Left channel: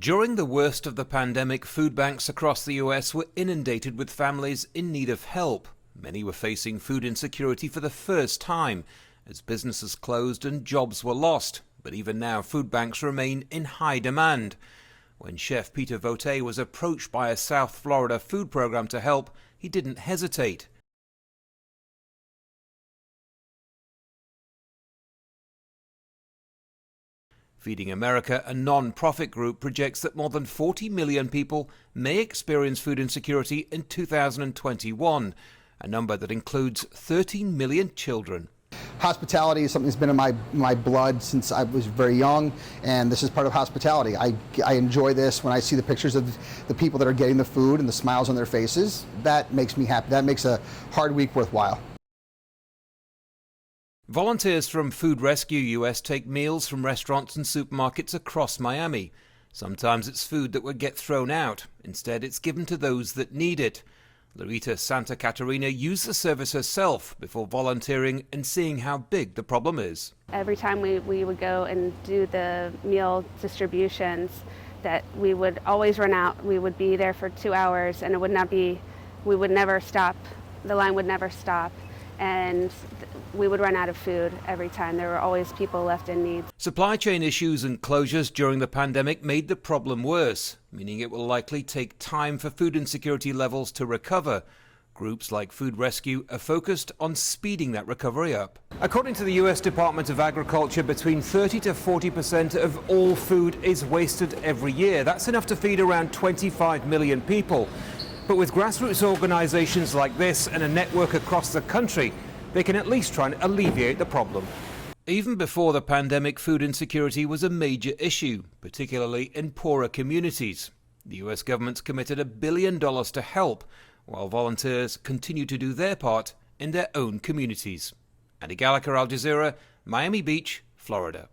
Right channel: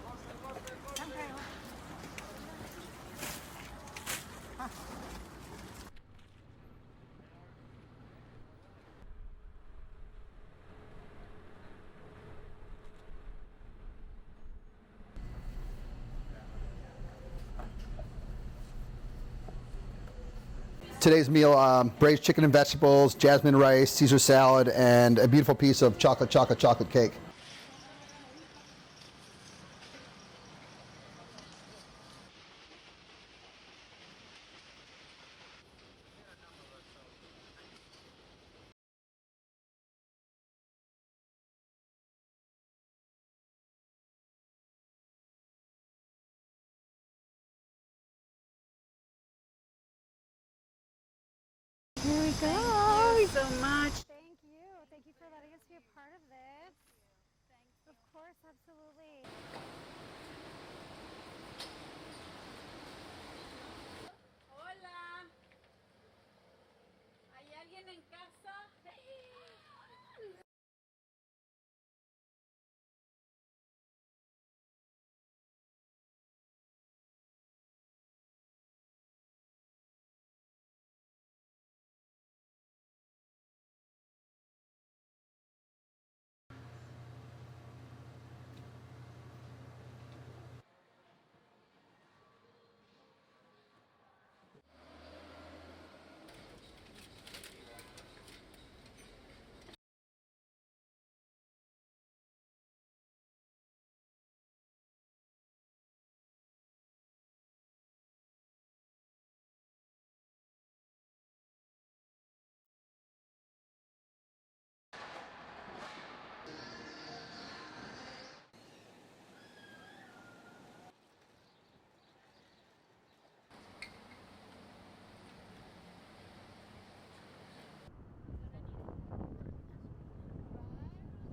During the worst of the pandemic, food banks across the US were inundated with families in need of help. Many were facing food insecurity for the first time as businesses closed and jobs were lost. But even now, food banks remain in high demand. When Chef Peter Vote was approached by a South Florida food program to help, he didn't hesitate. Today's meal, braised chicken and vegetables, jasmine rice, Caesar salad, and a beautiful piece of chocolate cake. Feeding America, a non-profit group, projects that more than 40 million people may experience food insecurity in 2021, a number that includes 13 million children. Hospitality is something that's been in my blood since I was very young, and this is part of hospitality. I enjoy this when I see the pictures of the people that are getting the food and the smiles on their faces. That makes me happy. That makes a hard week worthwhile. Here we go. Thank you so much. Volunteers from Food Rescue US take meals from restaurants and supermarkets across Miami. Sometimes it's food that would get thrown out. Instead, it's given to those that need it. Larita Santa Catarina used the service herself before volunteering and seeing how big the problem is. Every time we would go and do the meal distributions, that we would always run out. We would be there for 2 hours and we would never stop. The line would never stop. And we would run out of food every time. There were always people left in need. Supply chain issues and closures during the pandemic made the problem worse, meaning it will likely take time for food insecurity levels to recover. Groups like Food Rescue are focused on speeding that recovery up. According to the US Department of Agriculture, between 30 to 40% of all food is wasted every year. That's enough to feed around 25 million people. But with grassroots organizations like this and a network across the country, they can at least try and alleviate the problem. Even before the pandemic, food insecurity was a major issue, particularly in poorer communities. The US government's committed $1 billion to help, while volunteers continue to do their part in their own communities. Andy Gallagher, Al Jazeera, Miami Beach, Florida.